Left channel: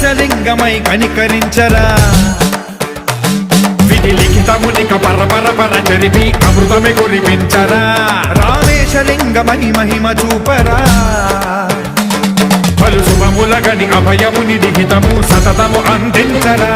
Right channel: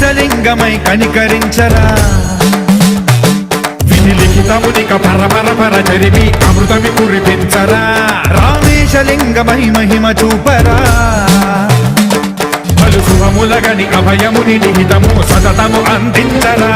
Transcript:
రామేశలింగమై కనికరించరా విధి లిఖితమునిక పరపర చరివి అమృతమి కురిపించరా రామేశలింగమై మహిమ చూపరా పలు శుభములగని అభయముని లిఖితము సతతము అందించరా